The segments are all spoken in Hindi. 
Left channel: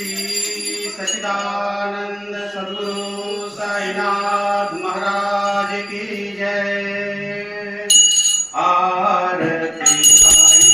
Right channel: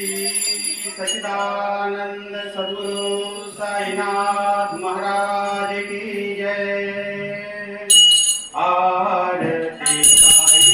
श्री सच्चिदानंद सद्गुरु साईनाथ महाराज की जय। आरती साई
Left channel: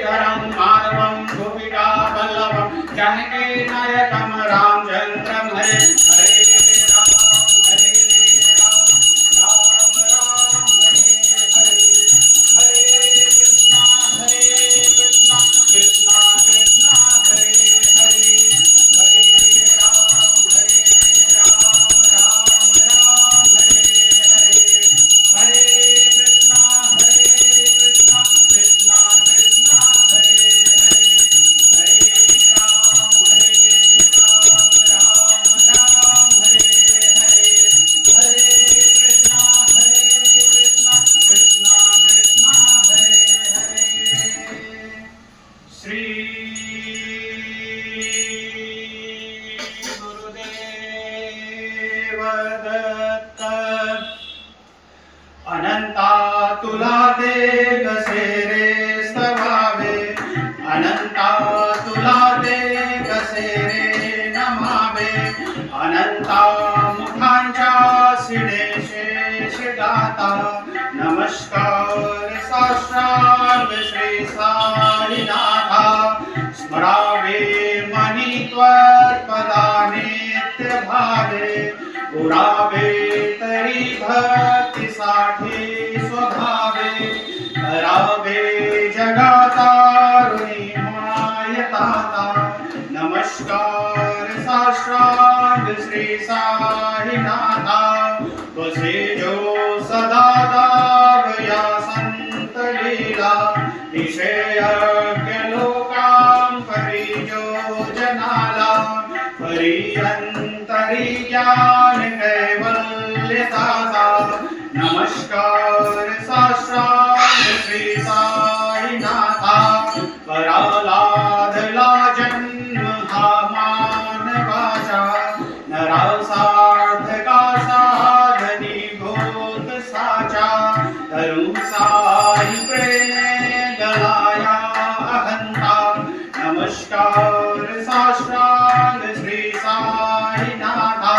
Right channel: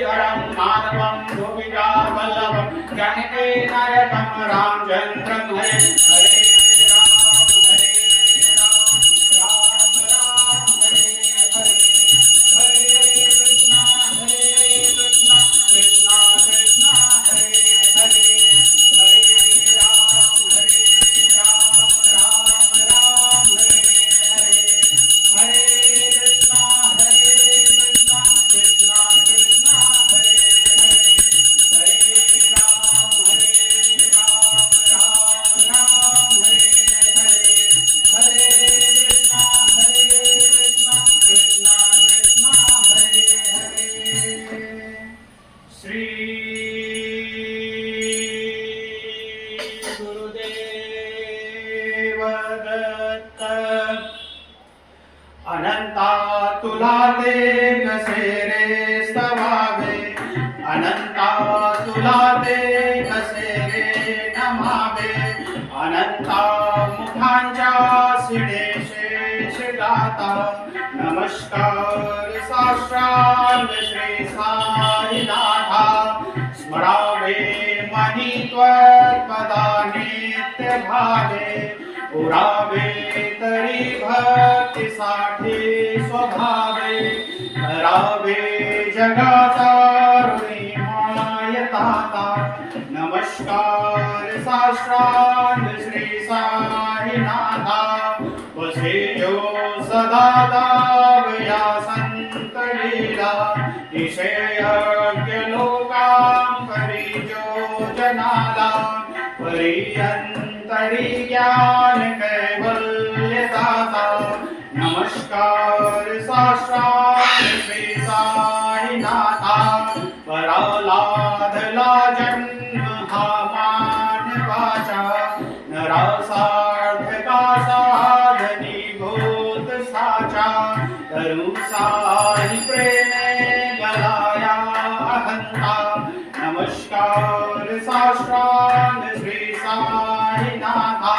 मुरलीधरं माधवं गोपिका वल्लभं जानकी नायकं रामचन्द्रं हरे हरे राम राम राम हरे हरे हरे कृष्ण कृष्ण कृष्ण हरे हरे हरे राम राम हरे हरे हरे कृष्ण कृष्ण कृष्ण हरे हरे हरे राम राम हरे हरे हरे कृष्ण कृष्ण कृष्ण हरे हरे श्री गुरुदेव दत्त अनंता तुला दे कसे रे स्तवावे अनंता तुला दे कसे रे नमावे अनंता मुखांच्या सिडे शेष गाता नमस्कार साष्टांग श्री साईनाथा स्मरावे मनी त्वत्पदा नित्य भावे पुरावे तरी भक्तीसाठी स्वभावे करावे जगातारुणी मायताता नमस्कार साष्टांग श्री साईनाथा वसे जो सदा दावया संत लीला विषयज्ञ लोकां परिजो जनाला परियंतरी ज्ञान कैवल्यदाता नमस्कार साष्टांग श्री साईनाथा परालाधला जन्म हा मानवाचा नरासार्थका साधनी भूत साचा तरू साई प्रेमे गलाया अहंता नमस्कार साष्टांग श्री साईनाथा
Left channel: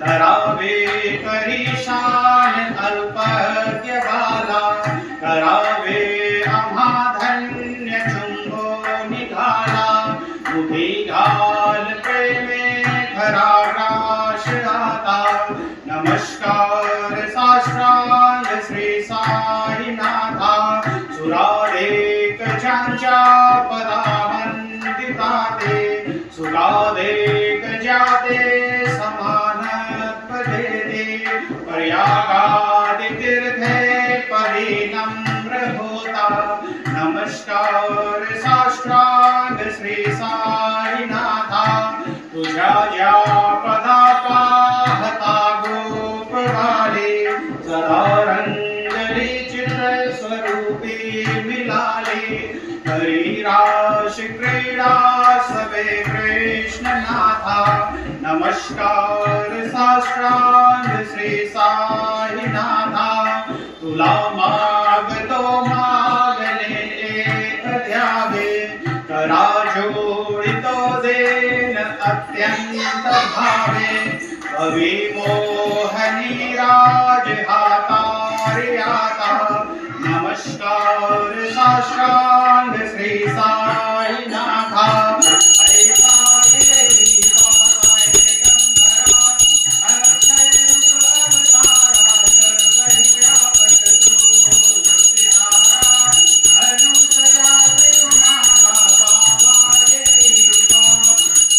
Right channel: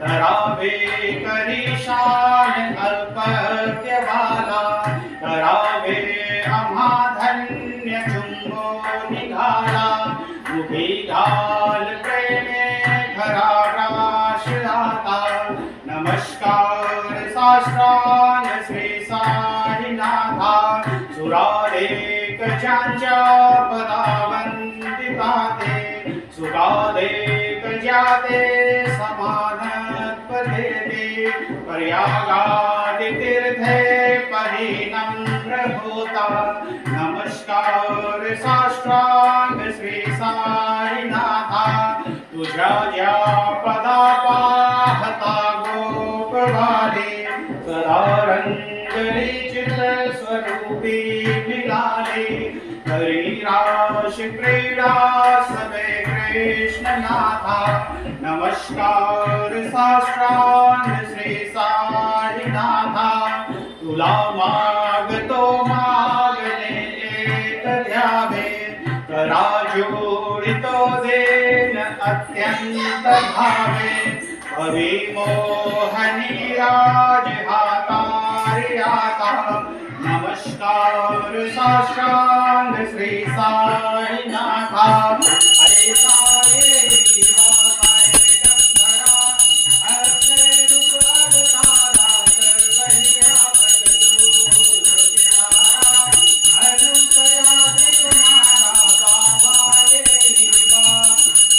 करावे करीशान अल्पज्ञ बाला करावे आम्हा धन्य चुंबो निघाला मुखी घाल प्रेमे खरा राश दाता नमस्कार साष्टांग श्री साईनाथा सुरादेक ज्यांच्या पदावंदिताते सुगादेक ज्याते समानत्व देते पर्यागादि तीर्थे पदी नम्र होता नमस्कार साष्टांग श्री साईनाथा तुझ्या ज्या पदा पाहता गोप वाले सदा रंजली चित्र स्वरूपी मिलाले हरी राश क्रीडा सबे कृष्णनाथा नमस्कार साष्टांग श्री साईनाथा तुला मागतो मागणे एक द्यावे करा जोडितो देन अत्यंत भावे अविमोहनी राज हातारी आता नमस्कार साष्टांग श्री साईनाथा ऐसा येई वासाय गंधरा अक्षय रूप अवतारा सर्वहि व्यापक तू ज्योतिधारा अनुसया देवनारा बाबा येई वा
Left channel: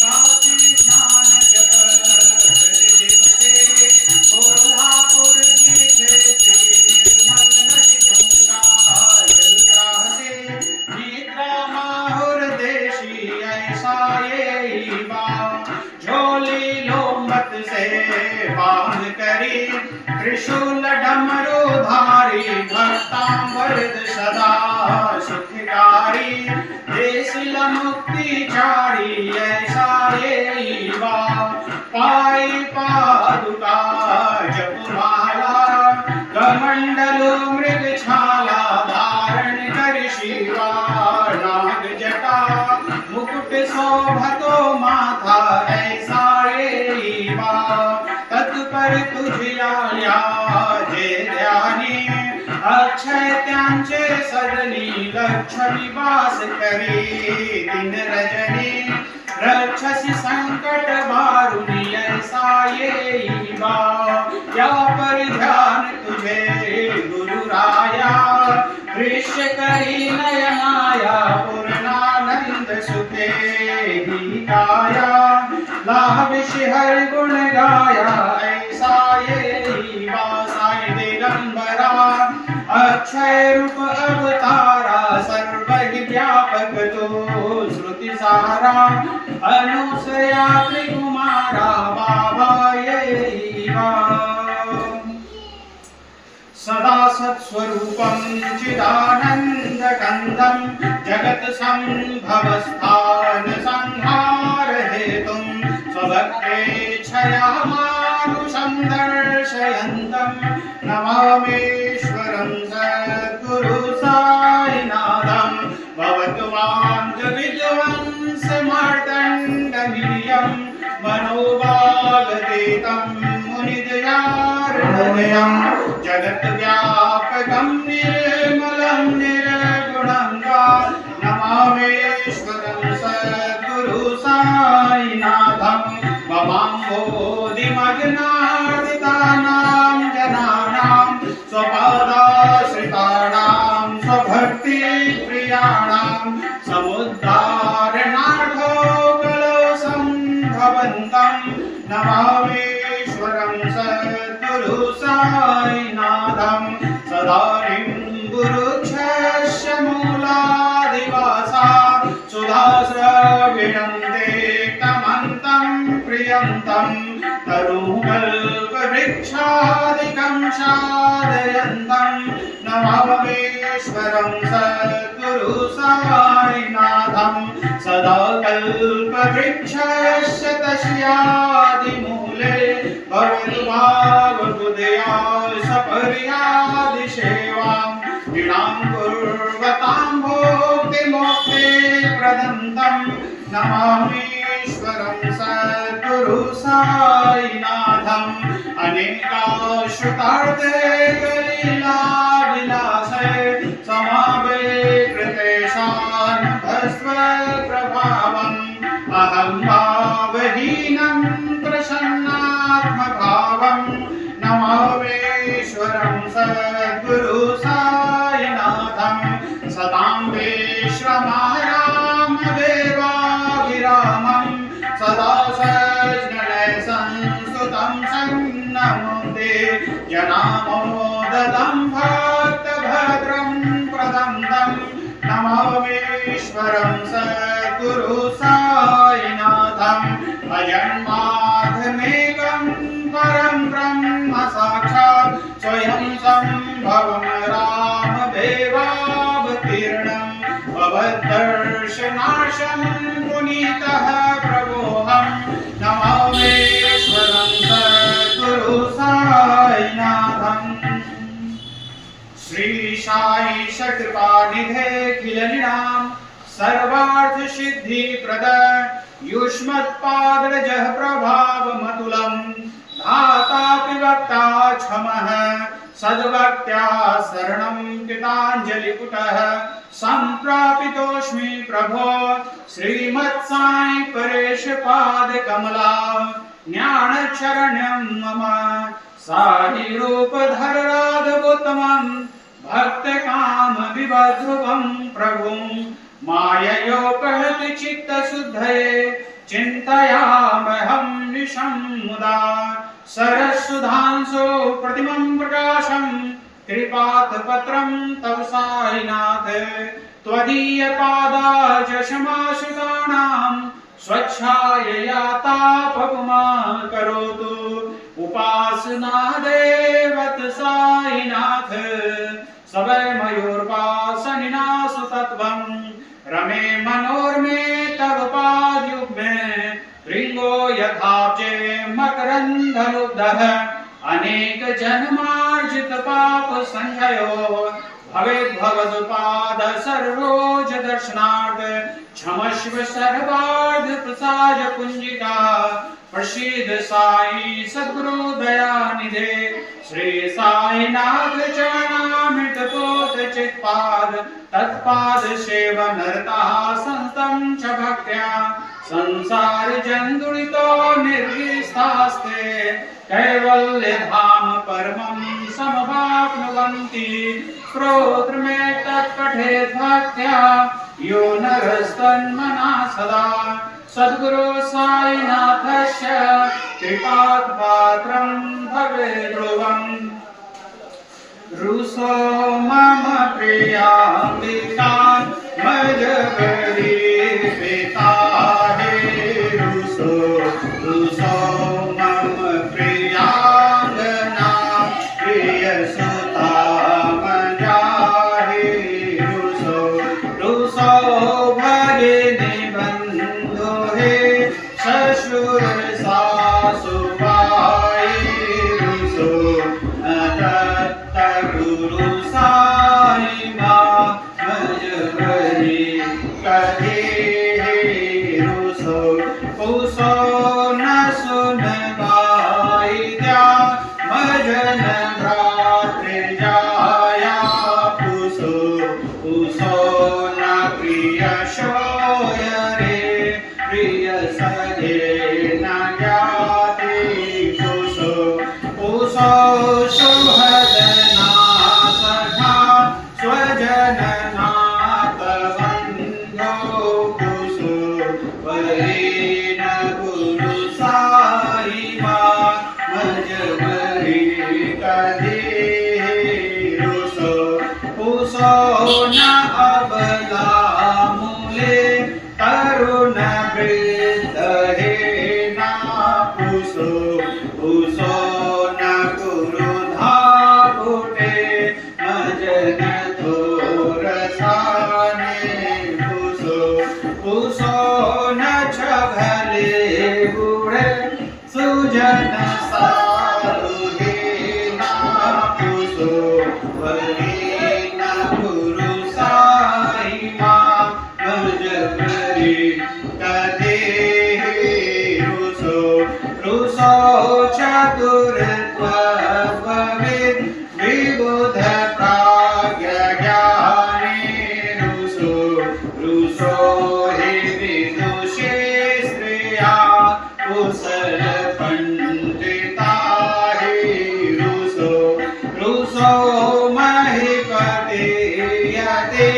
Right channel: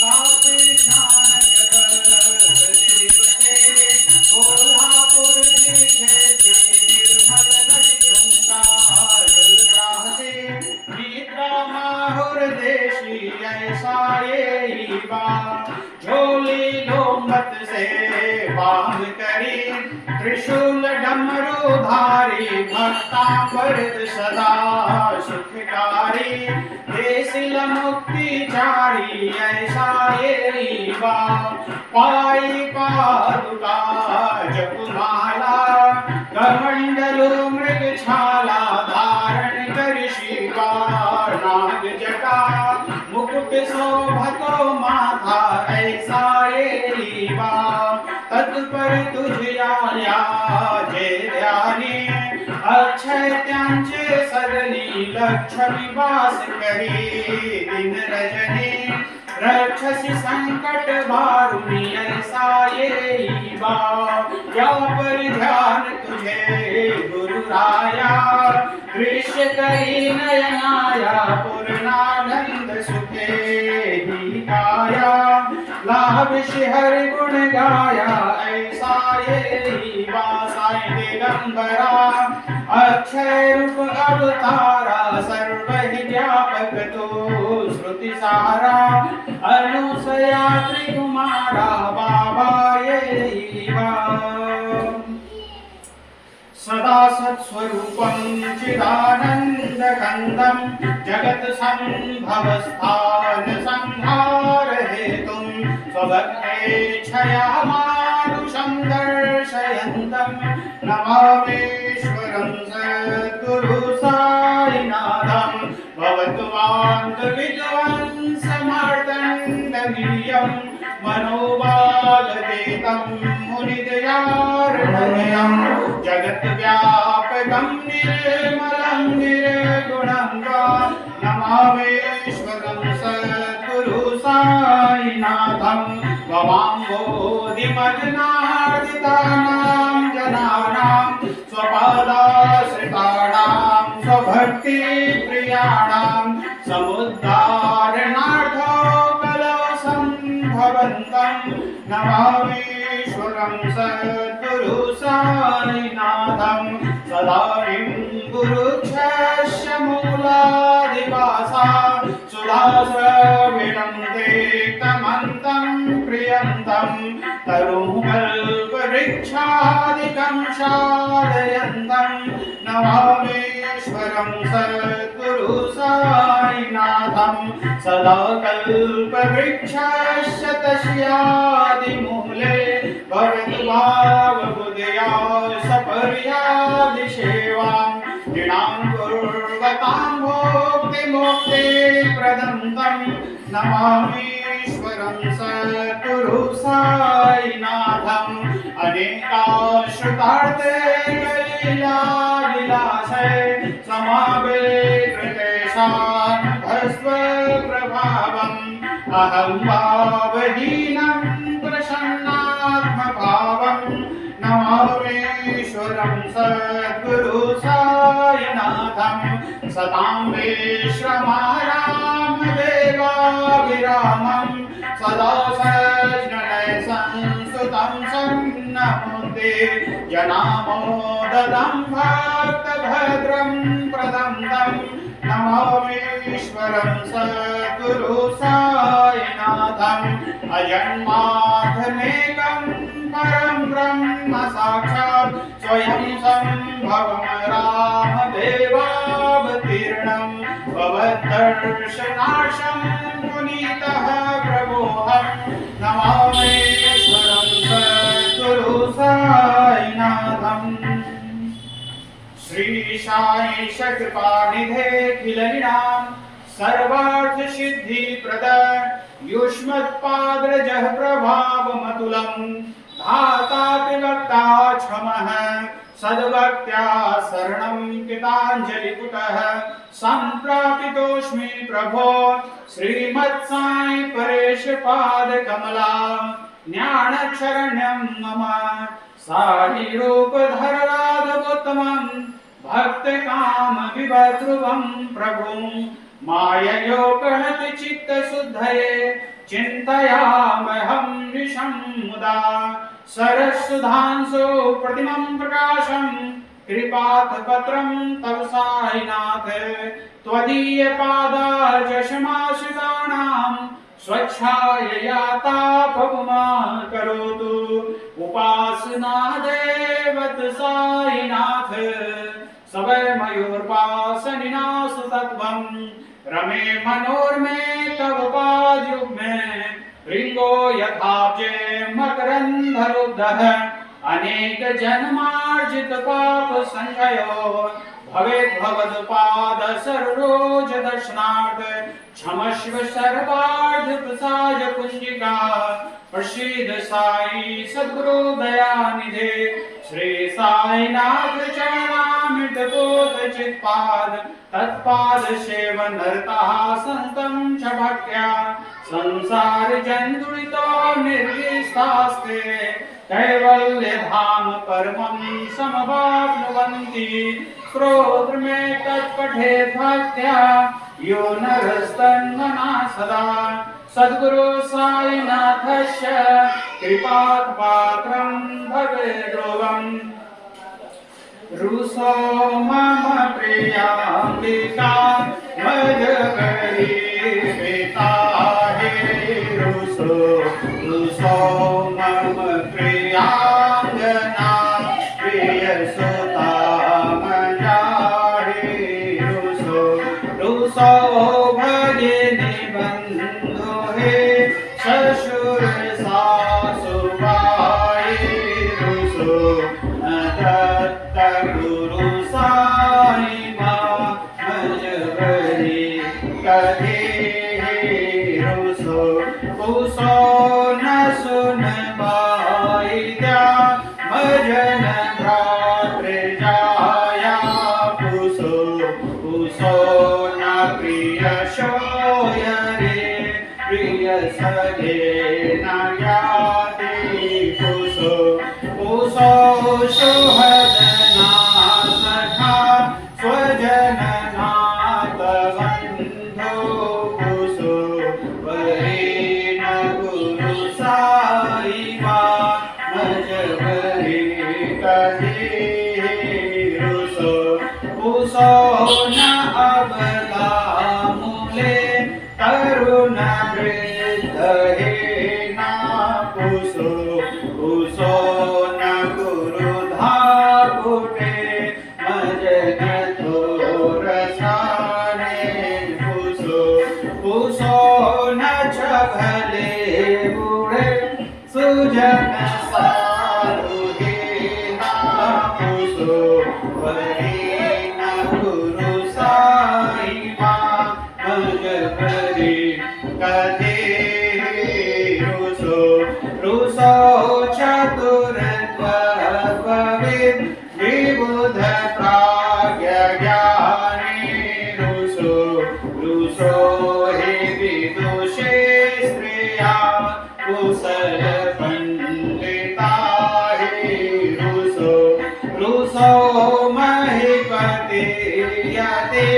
काशी स्नान जप प्रतिदिवसे कोल्हापूर जिथे निर्मल नदी तुंगा जल राहते निद्रा माहुर देशी ऐसा येई बा झोली लोंबत से बांध करी त्रिशूल डमरू धारी भक्तांवरद सदा सुखकारी देसिल मुक्ति चारी ऐसा येई बा पायी पादुका जपमाला कमंडलू मृग छाला धारण कर शिवा नाग जटा मुकुट शोभतो माथा ऐसा येई बा तत्पर तुझिया जे ध्यानी अक्षय त्यांचे सदनी लक्ष निवास करी दिन रजनी रक्षसी संकट भारुनी ऐसा येई बा या पर ध्यान तुझे गुरु राया दृश्य करी नयनाया पूर्णानंद सुखे ही काया लाभिषि हरि गुण गाया ऐसा येई बा साई दिगंबरा अक्षय रूप अवतारा सर्व व्यापक तो श्रुति सारा अनुसया त्रिकुमारा बाबा येई बा सदा सत्स्वरूपं चिदानन्दकन्दं जगत् सम्भवस्थान संहार हेतुं स्वभक्तेच्छया मानुषं दर्शयन्तं नमामीश्वरं सद्गुरु साईनाथं भवतु मान्तविध्वंसमार्तण्डमीयं मनोभागतीतं मुनिदयार्णयं जगद्व्यापकं निर्मलं निर्गुणं वा नमामीश्वरं सद्गुरु साईनाथं भवाम्बोधिमग्नार्दितानां जनानां स्वपादाश्रितानां स्वभक्तिप्रियाणां समुद्धारणार्थो कलौ सम्भवन्तं नमामीश्वरं सद्गुरु साईनाथं सदानिं गुरुक्षस्य मूलादिवासा सुधास्रविणं तेक्तमन्तं प्रियन्तं तरुकल्पवृक्षादिकं साधयन्तं नमामीश्वरं सद्गुरु साईनाथं सदा कल्पवृक्षस्य तस्यादिमूले भवेत् भावबुद्धया सपर्यादिसेवां नृणां कुर्वतां भोक्तिमोक्ते प्रदन्तं नमामीश्वरं सद्गुरु साईनाथम् अनेकाश्रुतार्थे कलिलाविलासे समावेकृतेषानुभस्वप्रभावम् अहं भावहीनं प्रसन्नात्मभावं नमामीश्वरं सद्गुरु साईनाथं सतां विश्रमायां देवाभिरामं सदा सज्जनय संस्तुतं सन्नमुदे जनामोदतं भक्तभद्रं प्रदन्तं नमामीश्वरं सद्गुरु साईनाथम् अजन्माधमेकं परं ब्रह्म साक्षात् स्वयं सम्भवं रामदेवावतीर्णं भवद्दर्शनार्थं पुनीतः प्रभोऽहं नमामीश्वरं सद्गुरु साईनाथम् श्री साई सत्कृपानिधे खिलनिनां सर्वार्थ सिद्धि प्रद युष्मत्पादरजः प्रभावमतुलं धाता विभक्ता क्षमः सद्भक्त्या शरणं कृताञ्जलिपुटः सम्प्रापितोऽस्मि प्रभो श्रीमत्साई परेश पादकमला ज्ञानशरण्यं मम साहि रूपधर राघवोत्तमं भक्तकाम विभध्रुवं प्रभुं माययोपहत चित्तशुद्धये चिन्तयामहं निशं मुदा सरस्सुधांसो प्रतिमं प्रकाशं कृपात्पत्रं तव साईनाथ त्वदीयपादाजशमाश्रितानां स्वच्छायया तापकुमा करोतु उपासना देवत साईनाथ सवै मयूरपासनिना सुतत्वं रमे मनोर्मे तव पादयुग्मे भृङ्गो यथाब्जे मकरन्धरुद्धः अनेक जन्मार्जित पाप संजयो भवेद् भवदुपाद सरोज दर्शनार्थ क्षमस्व सर्वार्थ प्रसाद पुंजिका प्रसीद साई सद्गुरु दयानिधे श्री साईनाथ चरणामृत पोत चित्पाद तत्पाद सेव नरता संतं च भक्त्या संसार जंदुळितो निर्विस्तास्ते कैवल्य धाम परमं समवाप्नुवन्ति श्रोत्रमे तत्पठेत् भक्त्या यो नरस्तन्मना सदा सद्गुरु साईनाथस्य कृपात् पात्रं भवेत् ध्रुवम् रुसो मम प्रियाम्बिका मजगरी पिता हे रुसो रुसो मम प्रियांगना प्रियसुता मया हे रुसो रुसो भगिनी बंधु हे ससुर सासु भाई रुसो गुरु साई मां मजबरी कहे रुसो कुसो न सुन बाईद्या भजन भ्रातृ जाया पुसो कुसो न प्रिय शोय रे प्रिय सदे न ज्ञाति कुसो कुसो सुहदना सखा स्वजन नाथ बंधो कुसो वरेण गुरु साई मां मजबरी कहे रुसो कुसो न अबला मूले तरुण वृद्ध हे ना कुसो कुसो न गुरु धाकुटे मजन थोर साने कुसो कुसो न छभले बूढ़े सुजन साधु हे ना कुसो वरेण गुरु साई मां मजबरी कहे रुसो रुसो चतुर त्वविद् विबुध प्राज्ञ ज्ञानी रुसो रुसो हे विदुषे स्त्रिया कुशल पंडिता हे रुसो रुसो महीपते यते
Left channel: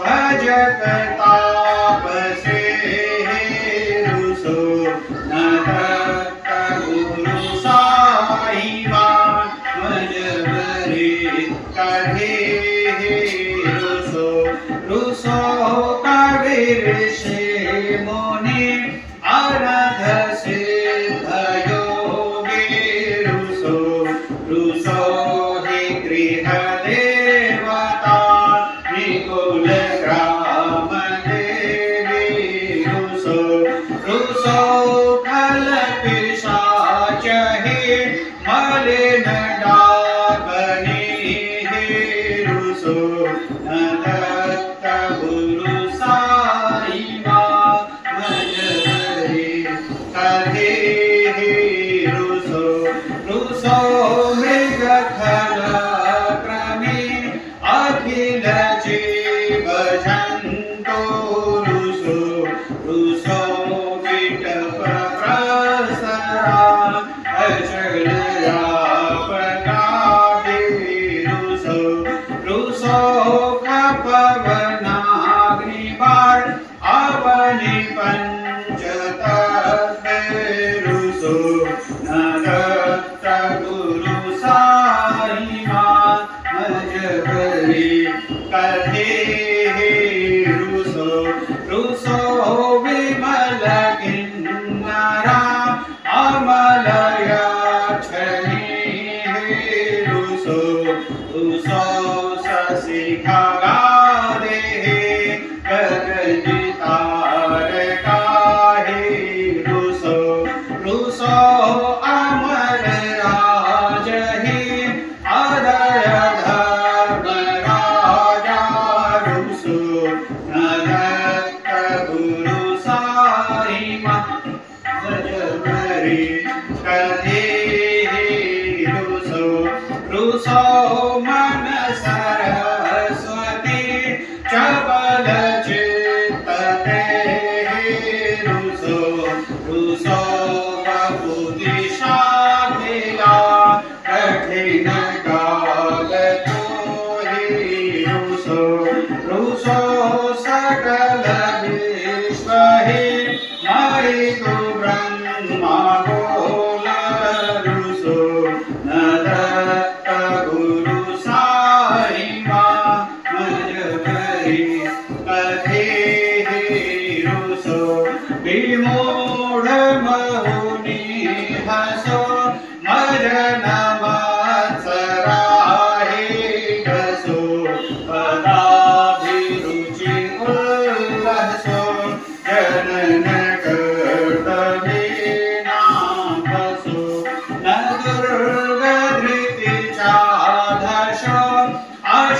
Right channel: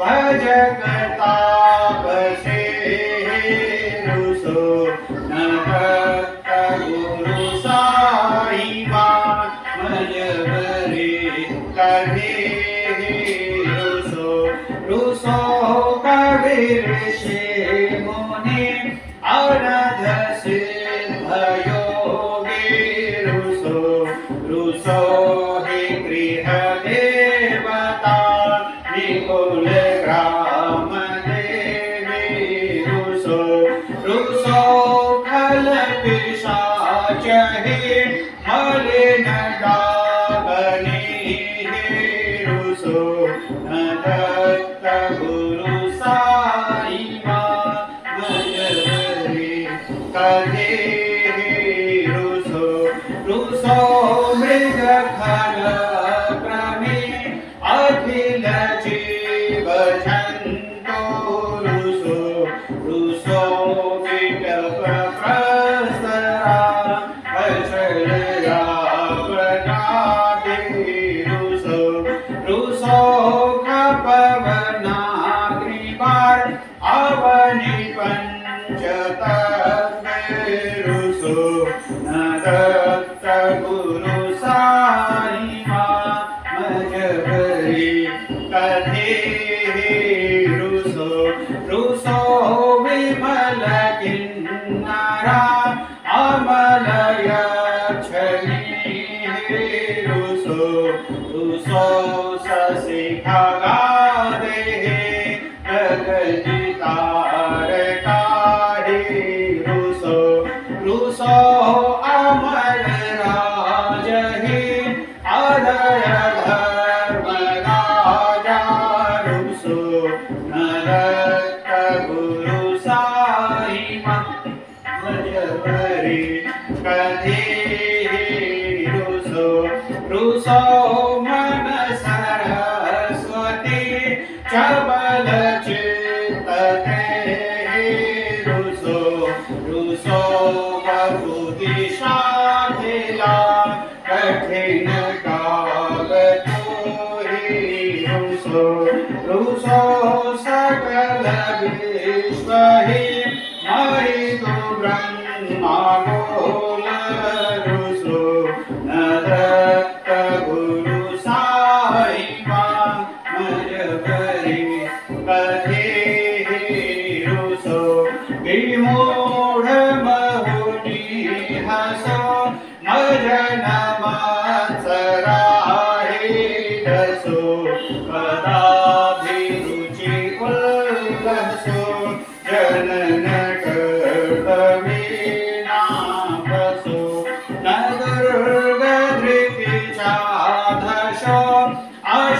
भजक तापसे हे रुसो नरक गुरु साई मां मजबरी कहे रुसो रुसो कबीर से मुनि अनध सिद्ध योगी रुसो रुसो हे गृह देवता निकुल ग्राम देवी रुसो रुसो खल पिशाच हे मलिन डाबनी हे रुसो नदत्त गुरु साई मां मजबरी कहे रुसो रुसो मृग खल क्रमे अखिल जीव जंतु रुसो रुसो विटप प्रसरा अचल रापगादे रुसो रुसो खपवनाग्नि बार अवनि पंचतत्व रुसो नदत्त गुरु साई मां मजबरी कहे रुसो रुसो विमल किन्नरा अमलय छनी हे रुसो रुसो शशि खगादे गगन तारका हे रुसो रुसो अमर राज हे अदय धर्म राजा रुसो नरक गुरु साई मां मजबरी कहे रुसो रुसो मन सर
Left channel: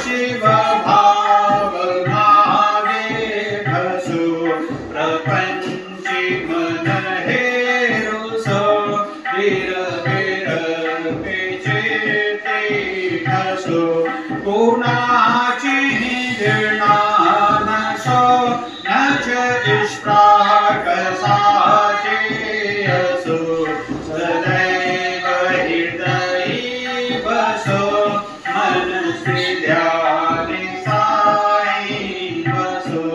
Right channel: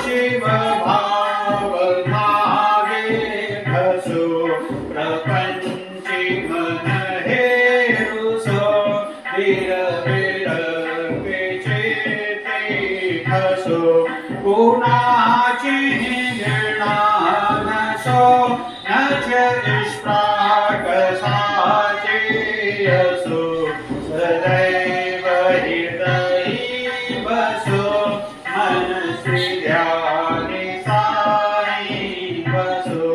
शिव भाव मागे भसो प्रपंची मन हेरुसो वीर वीर पेचे ते ठसो कोणाची गिरणा नसो नच इष्टा कसाचे असो सदैव हृदयी बसो मन श्री ध्यानी साई बसो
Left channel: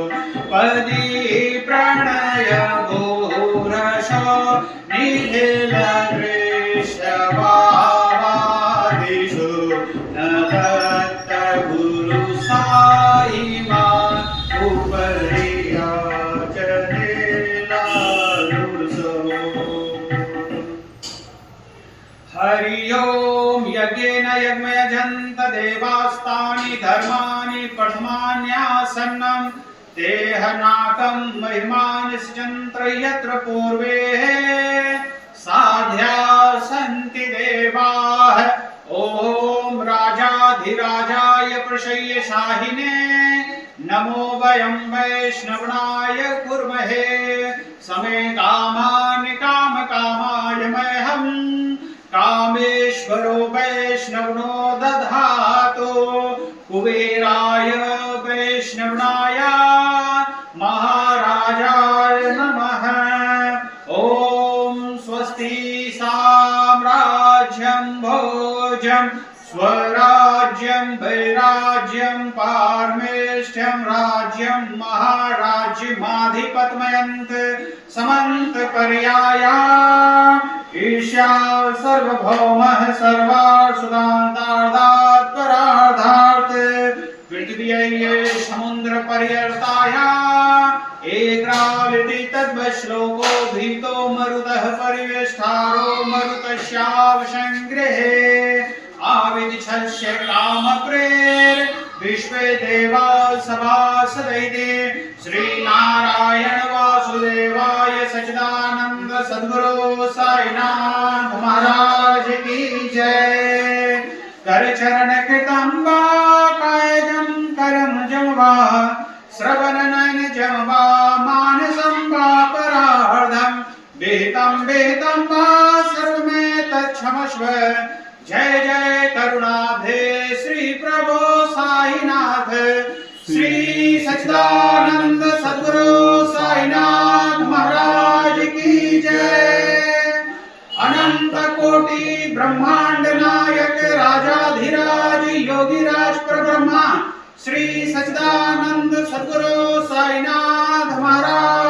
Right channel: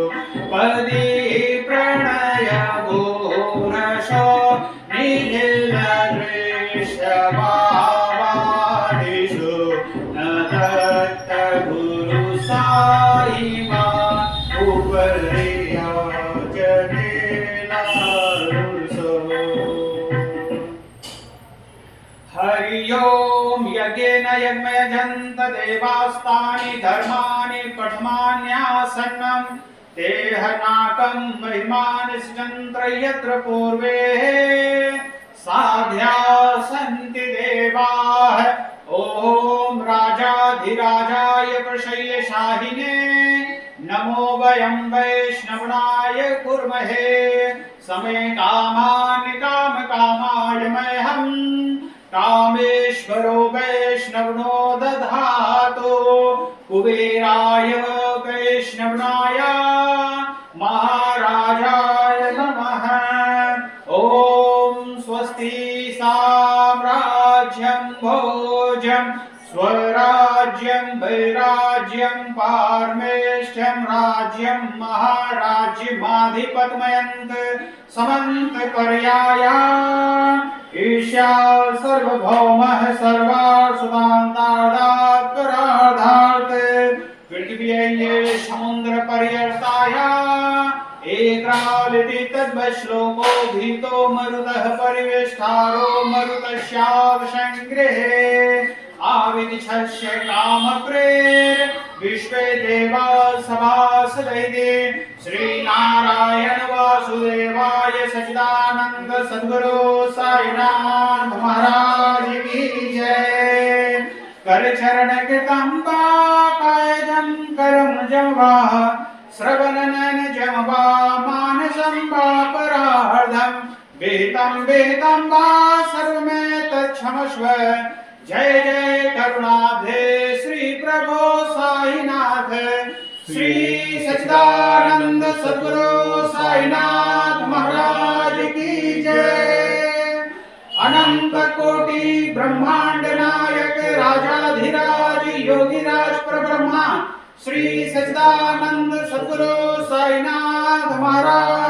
पदी प्रणय घोरसो निखिल दृश्य भावादिषु न दत्त गुरु साई मा उपरिया हरि ओम यज्ञेन यज्ञयजन्त देवास्तानि धर्माणि पठमान्यासन्नं देहनाकं महिमानि सिजन्त्र यत्र पूर्वे साध्या सन्ति देवाः ओम राजाधिराजाय प्रशय्य शाहिने नमो वयं वैष्णवनाय कुर्महे समे कामान् काम कामाय मह्यं कामेश्वरो वैष्णवनो दधातु कुबेराय वैष्णवनाय महाराजाय नमः ओम स्वस्ति साम्राज्यं भोजं स्वराज्यं वैराज्यं पारमेष्ठ्यं राज्यं महाराज्यमाधिपतमयन्त समन्त पर्याया ईशा सर्वभौमः सर्वार्थदान्तार्धात् परार्धात् पृथिव्यै समुद्र पर्यर्ताया एकालिति तद्वश्लोको भीतो मरुतः परिवेष्टारो मरुतस्यावसंगृहे आविदिशस्य कामप्रेर विश्वे देवा सभासदैते श्रीनारायण वासुदेवाय सच्चिदानंद सद्गुरु साईनाथ महाराज की जय। कर चरण कृतं वा कायजं करम जं वा श्रवण नयन जं वा मानसं वा परार्धं विहितं वा सर्वमेतच्छमस्व। जय जय करुणाब्धे श्री प्रभो साईनाथ श्री सच्चिदानंद सद्गुरु साईनाथ महाराज की जय। अनंत कोटि ब्रह्मांड नायक राजाधिराज योगिराज परब्रह्मा श्री सच्चिदानंद सद्गुरु साईनाथ महाराज